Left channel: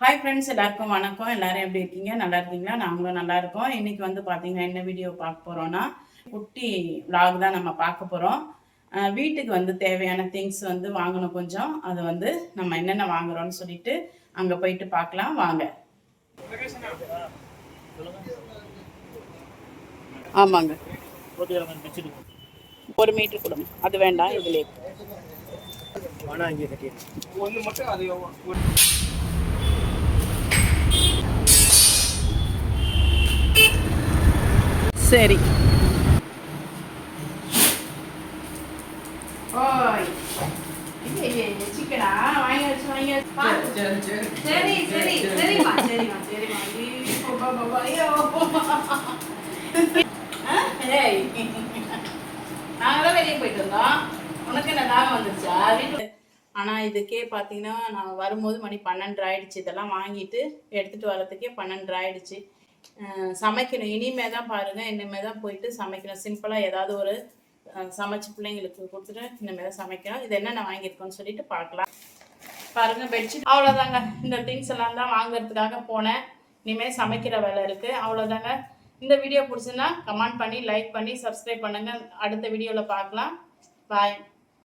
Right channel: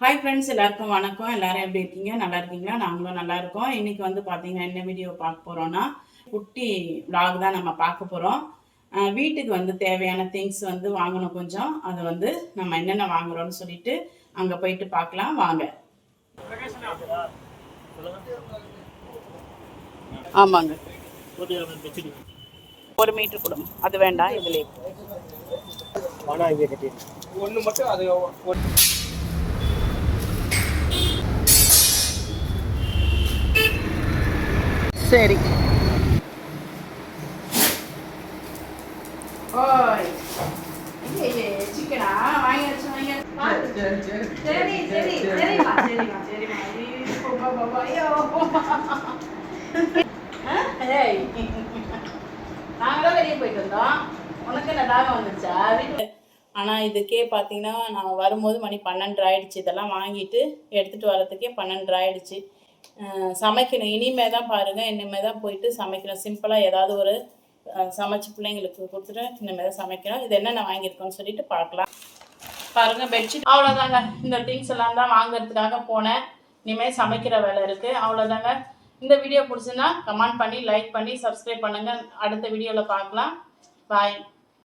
Hi friends, எல்லாருக்கும் வணக்கம். எல்லாரும் எப்படி இருக்கீங்க? நல்லா இருக்கீங்களா? நாங்களும் நல்லா இருக்கோம். இன்னைக்கு வந்து பார்த்தீங்கன்னா என்ன வீடியோ பார்க்க போகிறோன்னா, குட்டி vlog தான் நம்ம பார்க்க போகிறோம். வீட்டுக்கு வந்து தேவையான திங்ஸ் வந்து வாங்கணும் கொஞ்சம். அது வந்து நம்ம என்னென்ன வாங்குறோம்னு சொல்லிட்டு அங்கே போயிட்டு பார்க்கலாம் வாங்க. ஆமாங்க, 1 மீட்டர் கொடுங்க. அது வேண்டாம், இதுலேயே ஒன்று மட்டும் அது சரி. ஓய் சிக்கனா வாங்கி சரி சரி சரிம்மா சரிம்மா சரிம்மா. ஏய், நாங்களாம் வெளியே போயிட்டு வந்தோம். உனக்கு என்ன தாகம் வந்துருச்சா வீட்டு? ஆனால் இதுக்கே பார்த்தீங்கன்னா நான் வரும்போது மணி 12 ஆயிடுச்சு. இதெல்லாம் வாங்கிட்டு எடுத்துகிட்டு வரதுக்கே 12 ஆயிடுச்சு. சமைக்கணும். இனிமே தான் பாருங்கள், இனிமே தான் போயிட்டு சமைக்கணும். சிம்பிளாக ஏதாவது ஒரு சமைச்சு பிள்ளைங்களுக்கு கொடுத்துட்டு இனிமே தான் சமைக்கணும். இது என்னென்ன வாங்கியிருக்கோன்னு சொல்லிட்டு பார்க்கலாம். பாருங்கள், பெட்ஷீட் அவ்வளோதாங்க. இந்த திங்ஸ் எல்லாம் தான் வாங்குறதுக்காக போனேன். இனிமேல் சமைக்கிற வேலை இருக்குது, அவ்வளோதாங்க. இந்த வீடியோ பிடிச்சுன்னா கமெண்ட் பண்ணி, லைக் பண்ணி, சப்ஸ்கிரைப் பண்ணுங்கள். அடுத்த வீடியோவில் பார்க்கலாம். பாய்.